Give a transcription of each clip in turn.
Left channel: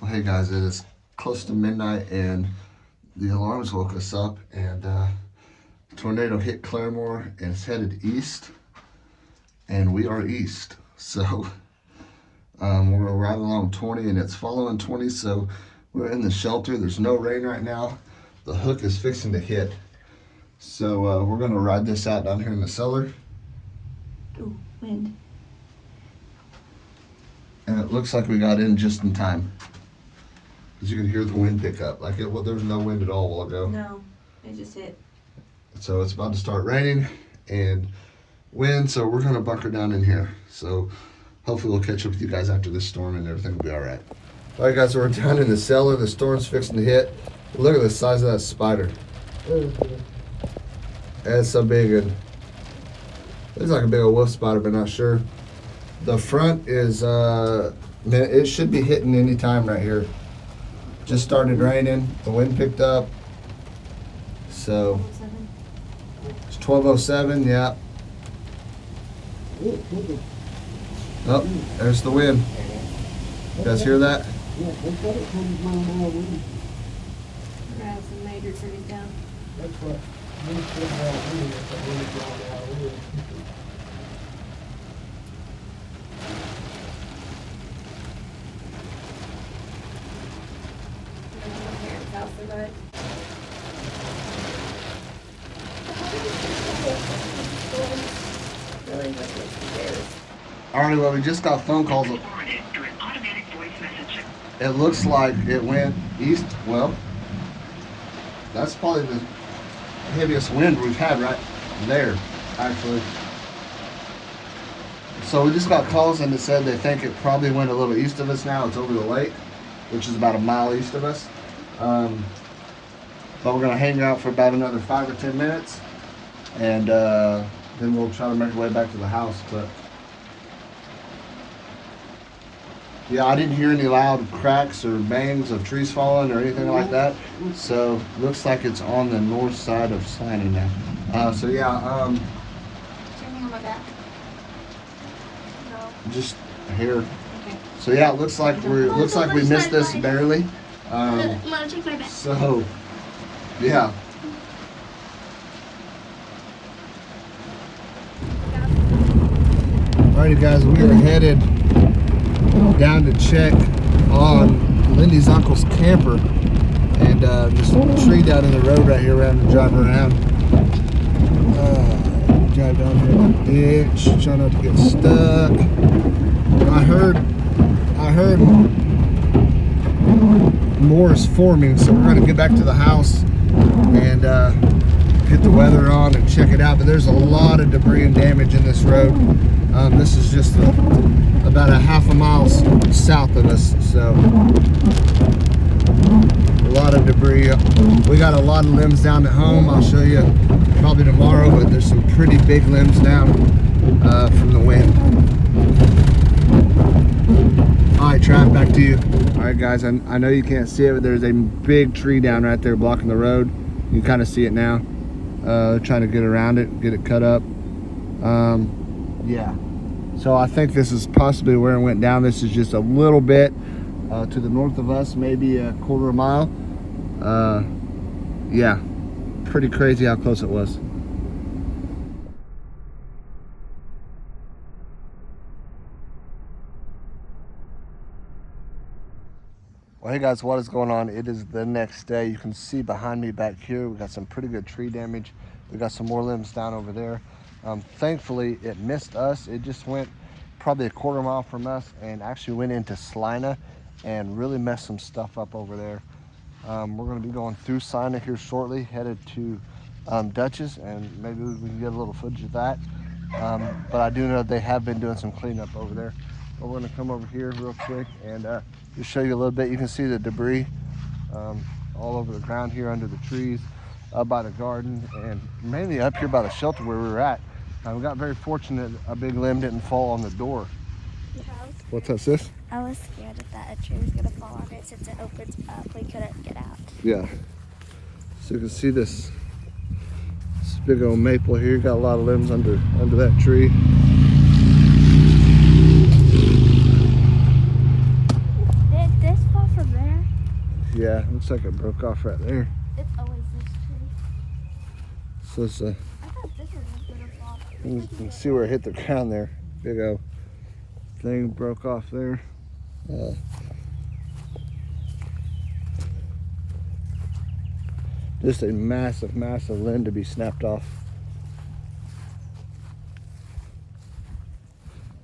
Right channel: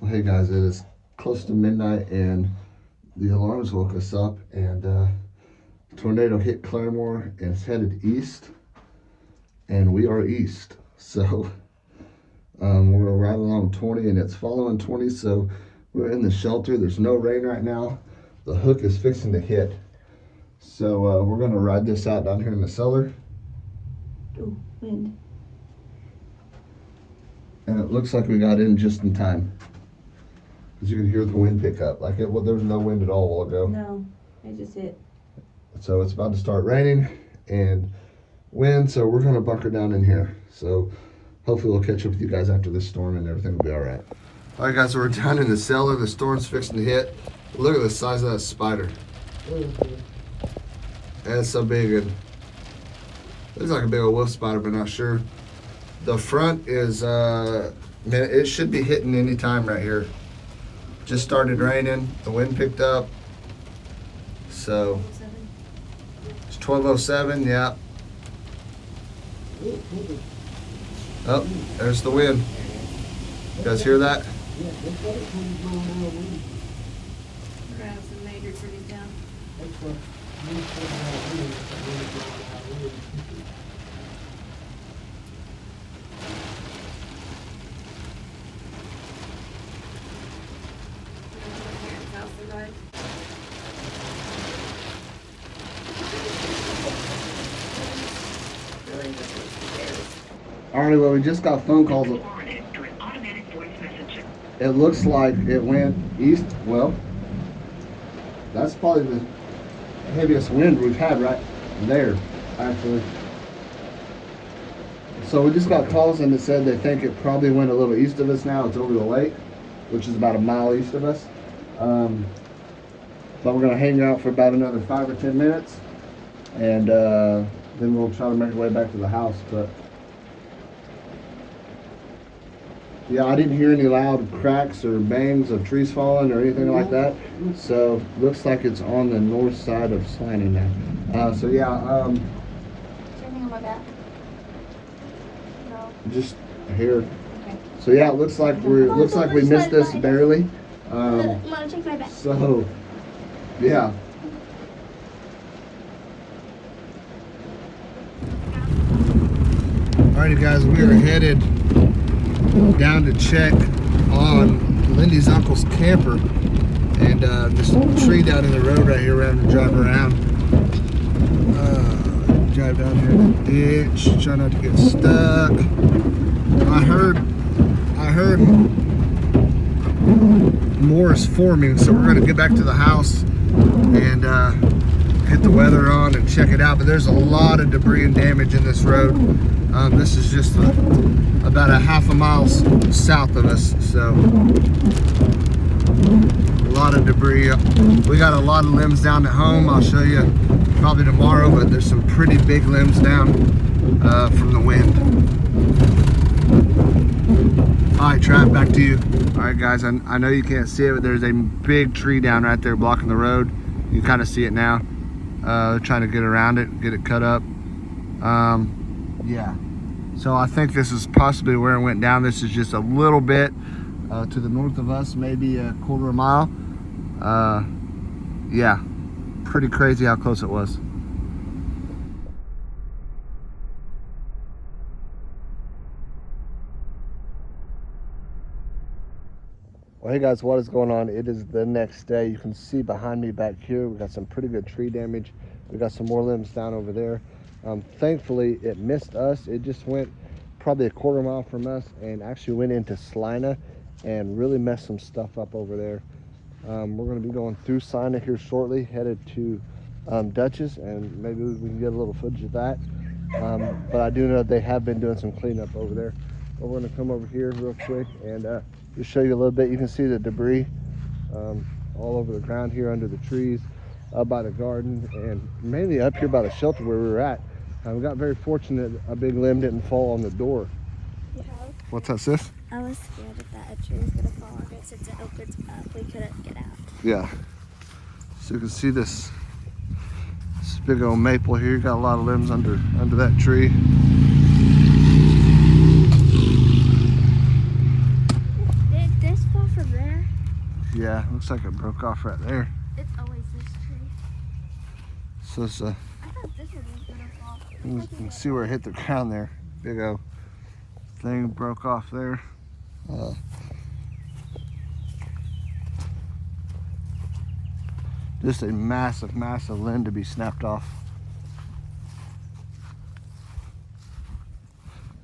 Well, hey guys, it is close to midnight and the alarms woke us up, and tornado hit Claremore and it's headed east, and we are east. So we're right along 20 and it's following 20, so we're in the shelter. There's no rain right now. The hook is fixing to hit. So we're gonna ride this out down here in the cellar. Ooh, wind. And it looks like we got in just in time. Because you can hear the wind pick up. Like there was no wind at all a while ago. No, it just hit. So it's about to start raining and wind, so we're gonna bunker down in here. So hopefully we'll catch up with you guys after this storm and everything will be all right. All right guys, so we're down in the cellar. The storm's fixing to hit. Look at the size of that spider. It's so big. And it's like a big old wolf spider, but not sure. The front is, man, it should be hitting any time right here. Just started raining. The wind picked up. So it's 12:07. Yeah. Oh, there's the wind. You guys hear that? Grab some major trees down. Alrighty, well, we just got phone calls. It looks like it went east. Well, that's probably the heaviest wind we've had right there, actually. So we just got calls and it said they think it probably went a little east of us now. It's over the lake, which is about a mile east of us. But we're gonna hang out for about another 5 or 10 minutes, and then we'll try to make our way back to the house. But yeah, I didn't hear any loud cracks or bangs of trees falling or anything like that. So looks like it's on the north side of Salina now. So yeah, just here. Okay. So yeah, it looks like we missed this barely. So yeah. Alrighty guys, we are headed down to check on Lindy's uncle's camper, and there's a tree down in the road right here. We're having to drive around. Drive down here in the ditch, try not to get stuck. I heard more is forming, so we're gonna get back to the house and get the weather on and check it out. But there's a lot of debris and damage in this road. This is just about a half a mile south of us, so a lot of debris. We got a lot of limbs down at home. I'll show you probably tomorrow, but there's some pretty big limbs down from the wind. All right, Trav, back to you. All right, guys, I know you can't see it, but there's a big tree down right there blocking the road. You kind of see it now. Trying to get around it, get it cut up. Yeah. So I think this is possibly where it went down. This is just a little bit to the north of us, maybe a quarter mile. Yeah, pretty crazy how close it was. Well, hey guys, what is going on? It is the next day. You can see behind me back here, we got some pretty good tree damage. We got some more limbs down over there. Thankfully, it missed us. It just went probably a quarter mile from us and actually went into Salina and really messed some stuff up over there. We're going to be going through Salina here shortly, headed to Dutchess, and maybe we can get a little footage of that. But I do know they have been doing some cleanup over there. But we're going to come over here real quick and just show you a little bit. You can see the debris all over the ground here under the trees, up by the garden, and mainly up here by the shelter where we were at. We got very fortunate a big limb didn't fall on the door. Yeah. What's that, sis? I was scared that a tree was going to fall on it since it opens up. We couldn't get out. Yeah. So you can see this big old maple here. Got a lot of limbs under that tree. Did this fall from Yeah, looks like it broke off right there. It's always this tree. So it's a, I thought this one was gonna fall. you can see where it hit the ground there. Big old thing broke off there. Just a massive, massive limb to be snapped off.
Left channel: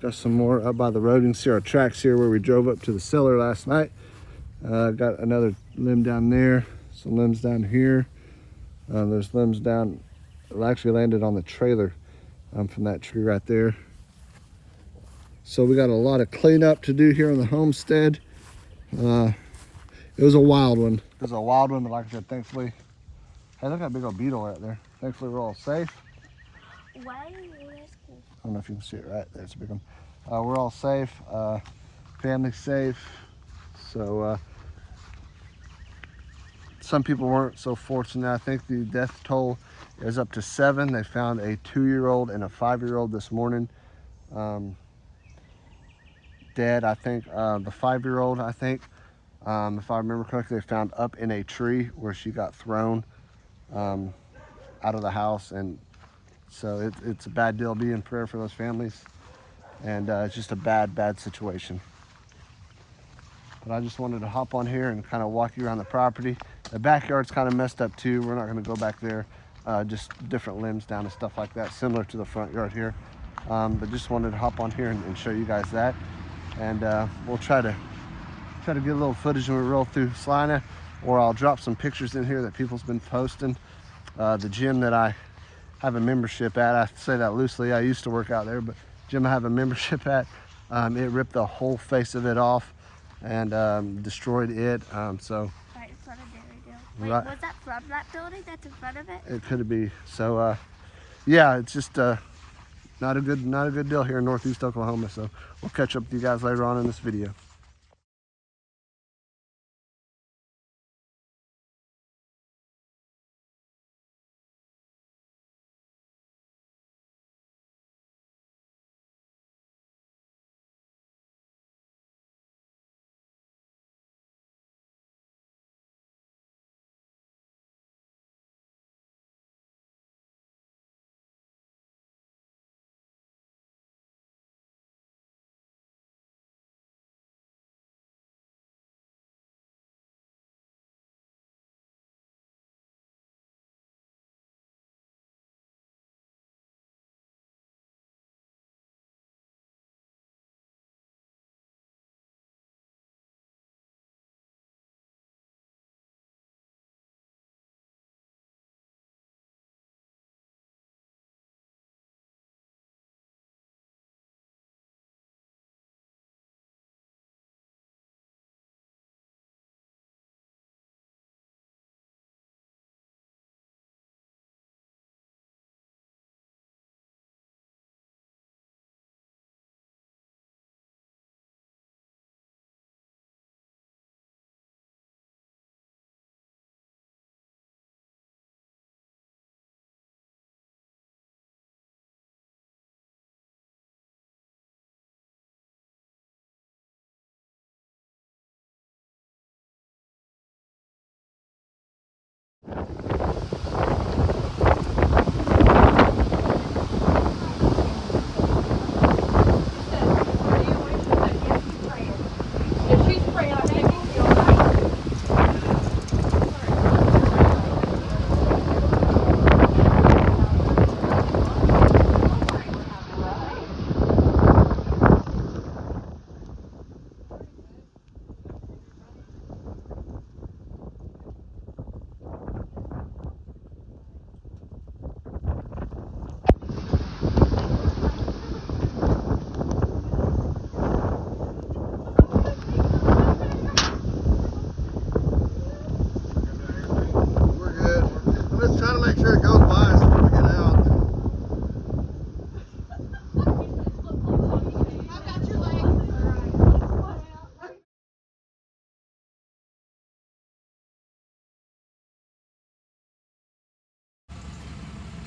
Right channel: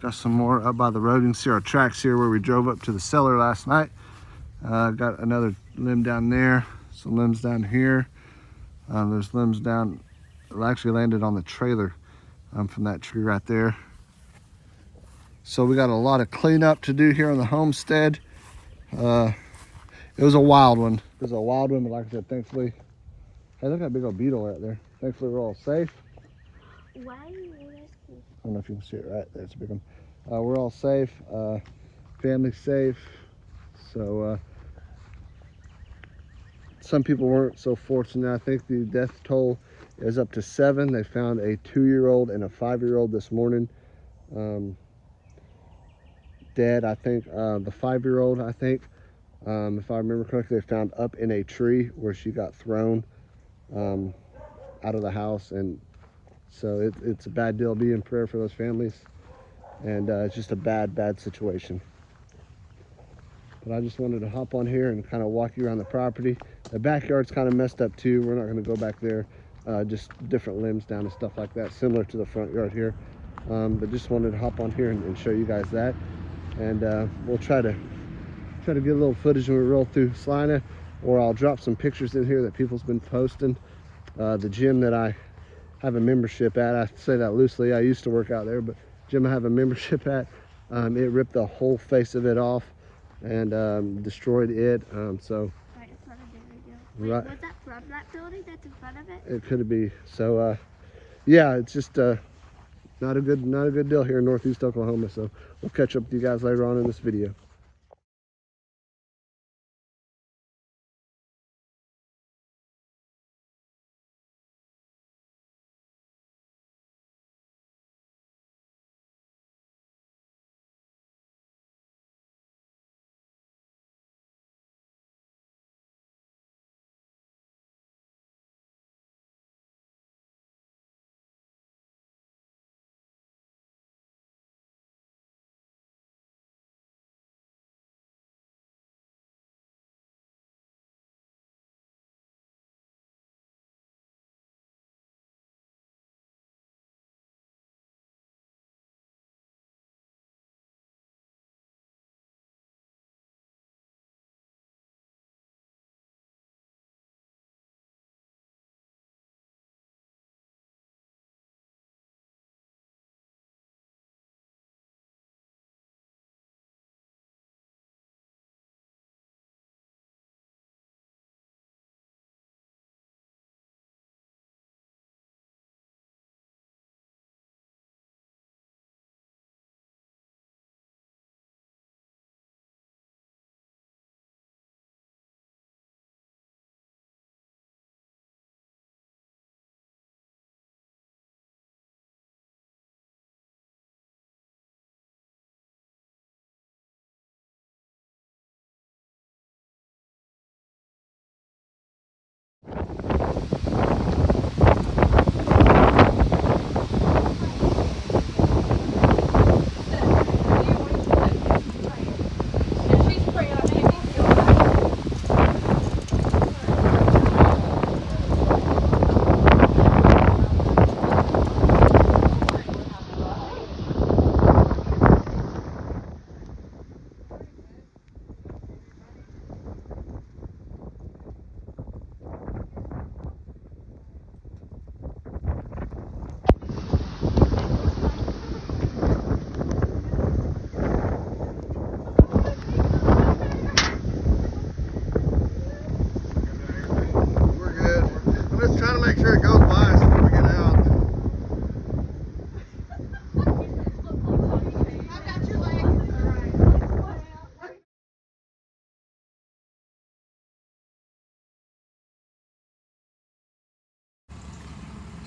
Got some more up by the road. You can see our tracks here where we drove up to the cellar last night. Got another limb down there. Some limbs down here. There's limbs down. It actually landed on the trailer from that tree right there. So we got a lot of cleanup to do here on the homestead. It was a wild one. It was a wild one, but like I said, thankfully, hey, look at that big old beetle right there. Thankfully, we're all safe. Why? I don't know if you can see it right there. It's a big one. We're all safe. Family's safe. So some people weren't so fortunate. I think the death toll is up to 7. They found a 2-year-old and a 5-year-old this morning. Dead. I think the 5-year-old, I think, if I remember correctly, they found up in a tree where she got thrown out of the house. And so it's a bad deal. Be in prayer for those families. And it's just a bad situation. But I just wanted to hop on here and kind of walk you around the property. The backyard's kind of messed up too. We're not going to go back there. Just different limbs down and stuff like that, similar to the front yard here. But just wanted to hop on here and show you guys that. And we'll try to get a little footage when we roll through Salina, or I'll drop some pictures in here that people's been posting. The gym that I have a membership at, I say that loosely, I used to work out there, but gym I have a membership at, it ripped the whole face of it off and destroyed it. So Right in front of there we go. Wait, right. was that from that building that's in front of it? It could be. So yeah, it's just not a good deal here in Northeast Oklahoma. So we'll catch up with you guys later on in this video.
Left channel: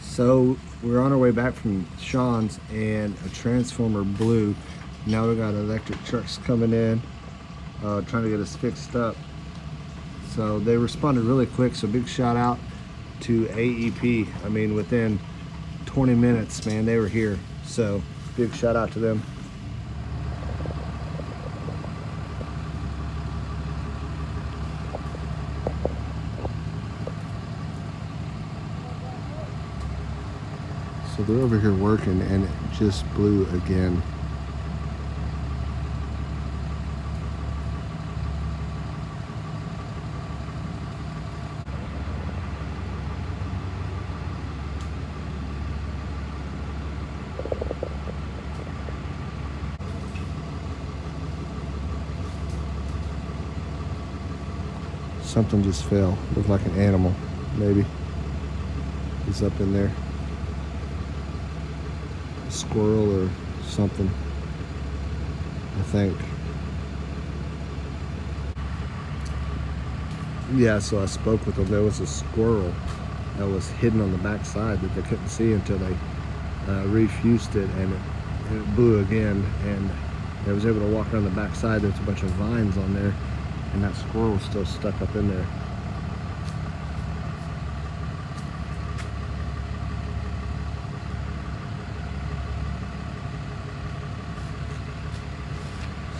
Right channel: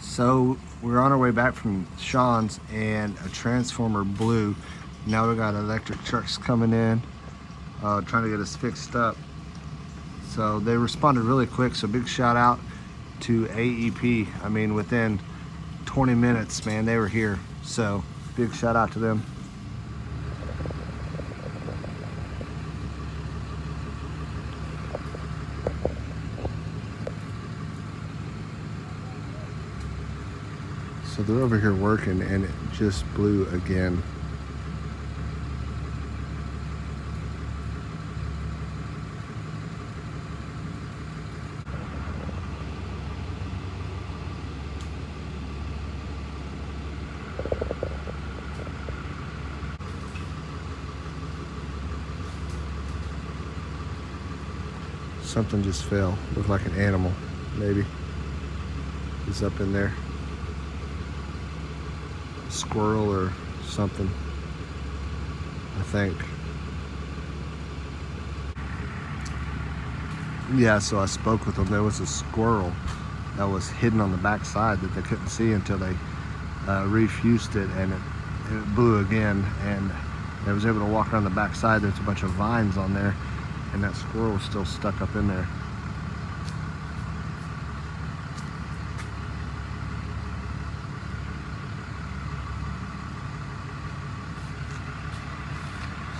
So we're on our way back from Sean's and a transformer blew. Now we got electric trucks coming in, trying to get us fixed up. So they responded really quick. So big shout out to AEP. I mean, within 20 minutes, man, they were here. So big shout out to them. So they're over here working and it just blew again. Something just fell. Looked like an animal, maybe. He's up in there. A squirrel or something, I think. Yeah, so I spoke with them. There was a squirrel that was hidden on the back side that they couldn't see until they refused it, and it blew again, and they was able to walk around the back side. There's a bunch of vines on there, and that squirrel was still stuck up in there.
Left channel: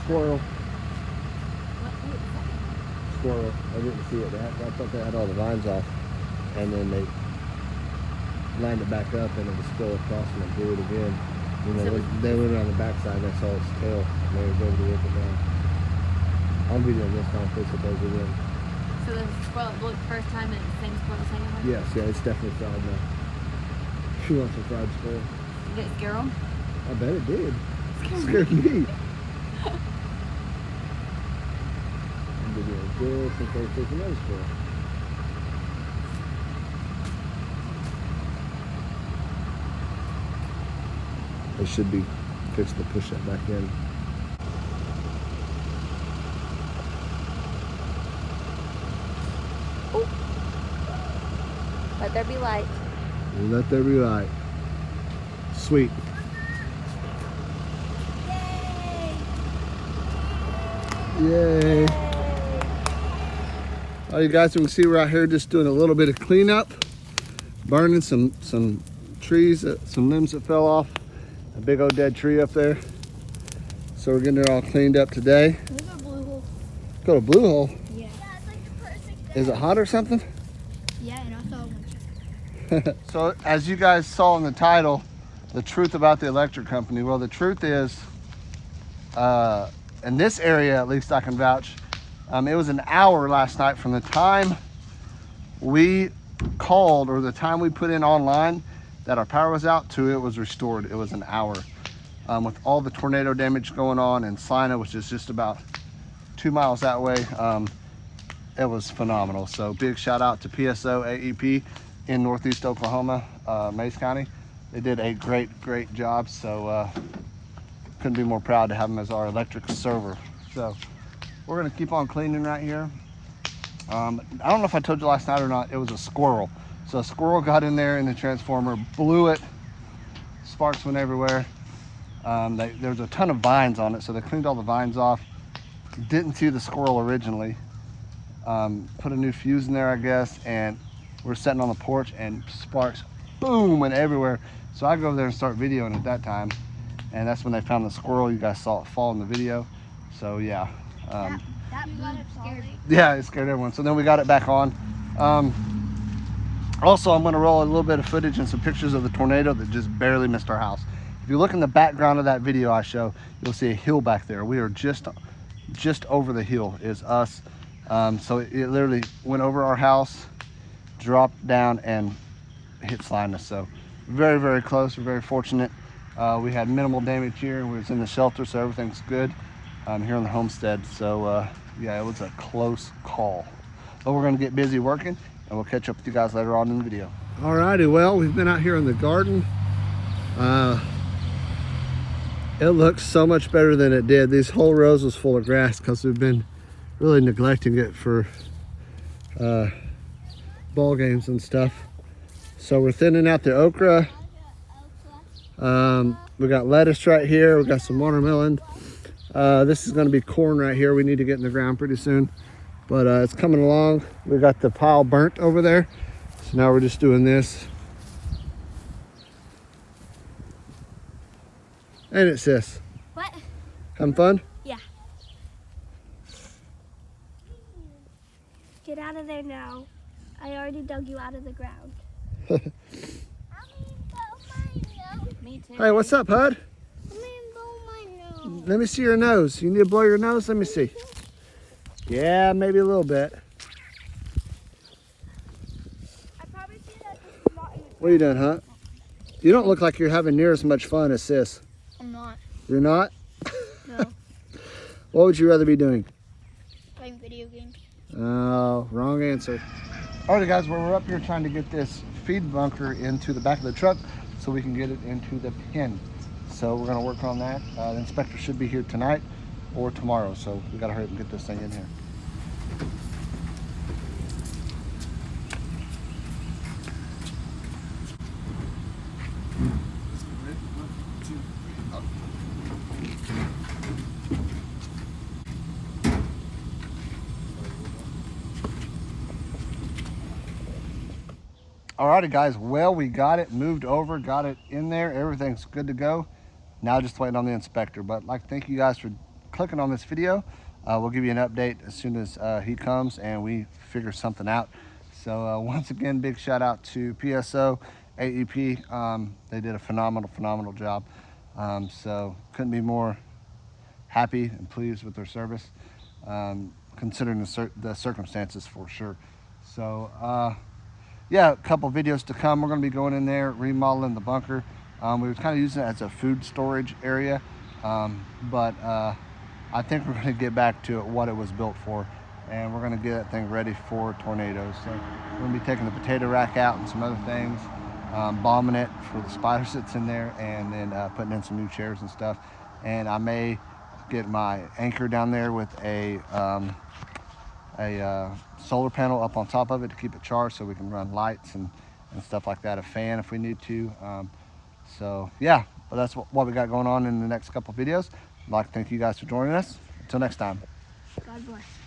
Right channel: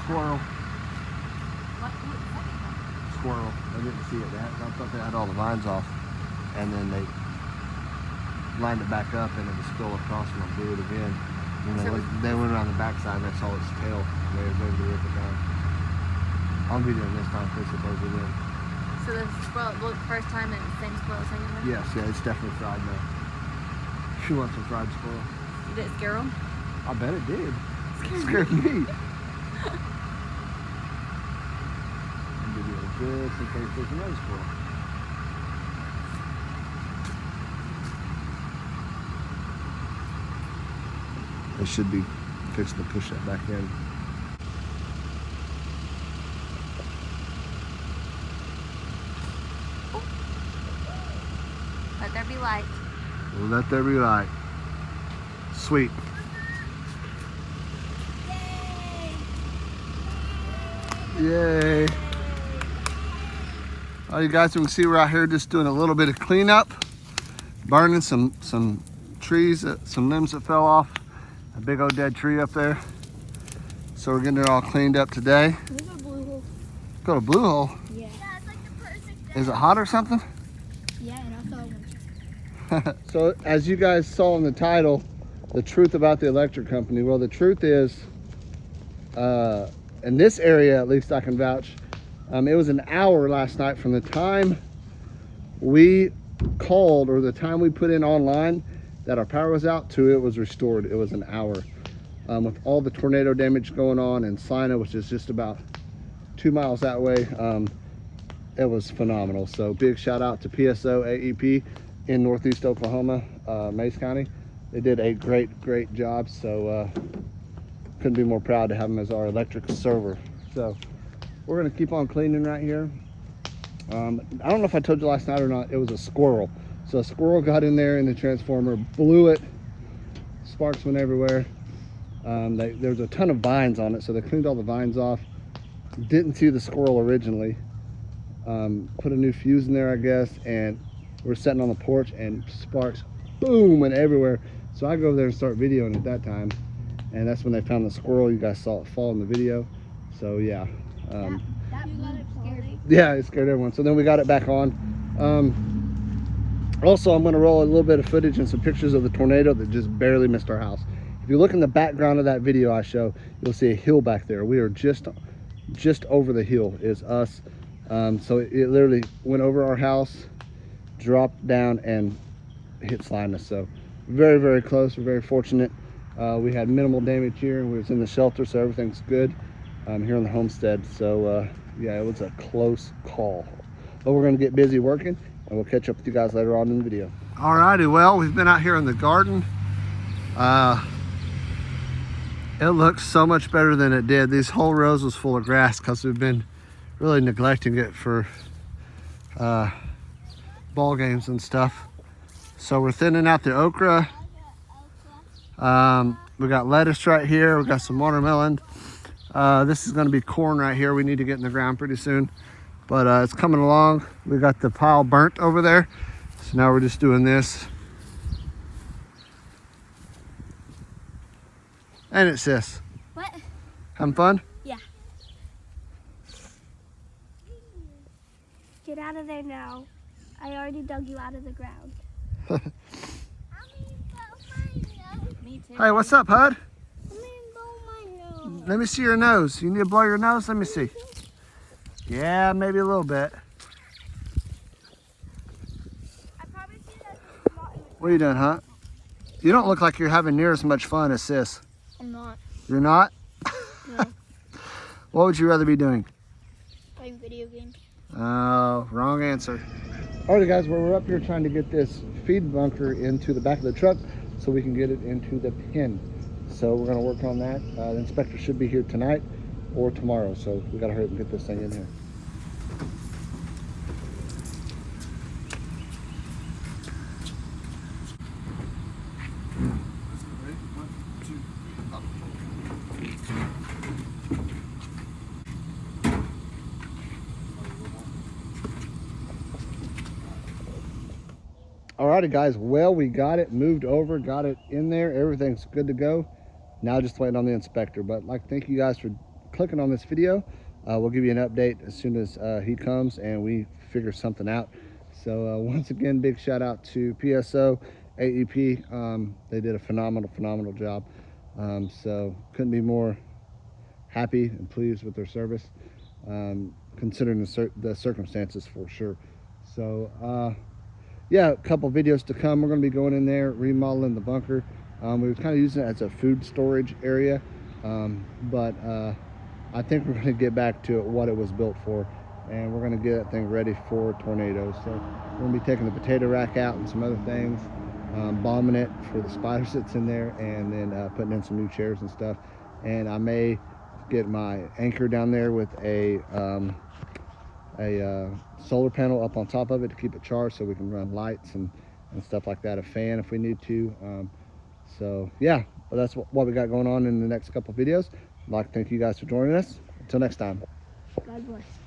Squirrel. Squirrel. I didn't see it. I thought they had all the vines off, and then they lined it back up, and it was still across, and I blew it again. And they went around the backside. That's all its tail. They were going to rip it down. I'm videoing this time, fish it over again. So the squirrel blew it the first time and the same squirrel second time? Yes, yeah, it's definitely fried now. She wants some fried squirrel. Did it scare him? I bet it did. It scared me. I'm videoing this in case there's another squirrel. They should be fixed to push that back in. Let there be light. Let there be light. Sweet. Yay. Well, you guys, you can see we're out here just doing a little bit of cleanup, burning some trees, some limbs that fell off. A big old dead tree up there. So we're getting it all cleaned up today. There's a blue hole. Got a blue hole. Yeah. It's like the perfect. Is it hot or something? Yeah, and I saw one. So as you guys saw in the title, the truth about the electric company. Well, the truth is, in this area, at least I can vouch, it was an hour last night from the time we called or the time we put in online that our power was out to it was restored. It was an hour. With all the tornado damage going on in Salina, which is just about 2 miles that way, it was phenomenal. So big shout out to PSO AEP in Northeast Oklahoma, Mays County. They did a great job. So couldn't be more proud to have them as our electric server. So we're gonna keep on cleaning right here. I don't know if I told you last night or not, it was a squirrel. So a squirrel got in there in the transformer, blew it, sparks went everywhere. There was a ton of vines on it, so they cleaned all the vines off. Didn't see the squirrel originally. Put a new fuse in there, I guess, and we're sitting on the porch and sparks, boom, went everywhere. So I go over there and start videoing at that time, and that's when they found the squirrel. You guys saw it fall in the video. So yeah. That boom scared me. Yeah, it scared everyone. So then we got it back on. Also, I'm going to roll a little bit of footage and some pictures of the tornado that just barely missed our house. If you look in the background of that video I show, you'll see a hill back there. We are just over the hill is us. So it literally went over our house, dropped down, and hit Salina. So very close. We're very fortunate. We had minimal damage here. We was in the shelter, so everything's good here in the homestead. So yeah, it was a close call. But we're going to get busy working, and we'll catch up with you guys later on in the video. Alrighty, well, we've been out here in the garden. It looks so much better than it did. These whole rows was full of grass because we've been really neglecting it for ball games and stuff. So we're thinning out the okra. We got lettuce right here. We got some watermelon. This is going to be corn right here. We need to get in the ground pretty soon. but it's coming along. We got the pile burnt over there, so now we're just doing this. Ain't it, sis? What? Having fun? Yeah. Get out of there now. I already dug you out of the ground. Me too. Hey, what's up, Hud? Let me see your nose. You need to blow your nose? Let me see. Yeah, maybe a little bit. What are you doing, huh? You don't look like you're having near as much fun as sis. I'm not. You're not? No. What would you rather be doing? Playing video games. Oh, wrong answer. Alright guys, we're up here trying to get this feed bunker into the back of the truck so we can get it into the pen. So we're going to work on that. The inspector should be here tonight or tomorrow, so we got to hurry up and get this thing in here. Alrighty guys, well, we got it moved over, got it in there, everything's good to go. Now just waiting on the inspector. But thank you guys for clicking on this video. We'll give you an update as soon as he comes and we figure something out. So once again, big shout out to PSO, AEP. They did a phenomenal job. So couldn't be more happy and pleased with their service, considering the circumstances for sure. So yeah, a couple videos to come. We're going to be going in there, remodeling the bunker. We were kind of using it as a food storage area, but I think we're going to get back to what it was built for, and we're going to get that thing ready for tornadoes. So we're going to be taking the potato rack out and some other things, bombing it for the spiders that's in there, and then putting in some new chairs and stuff. And I may get my anchor down there with a solar panel up on top of it to keep it charged so we can run lights and stuff like that, a fan if we need to. So yeah, but that's what we got going on in the next couple videos. I'd like to thank you guys for joining us. Until next time. God bless.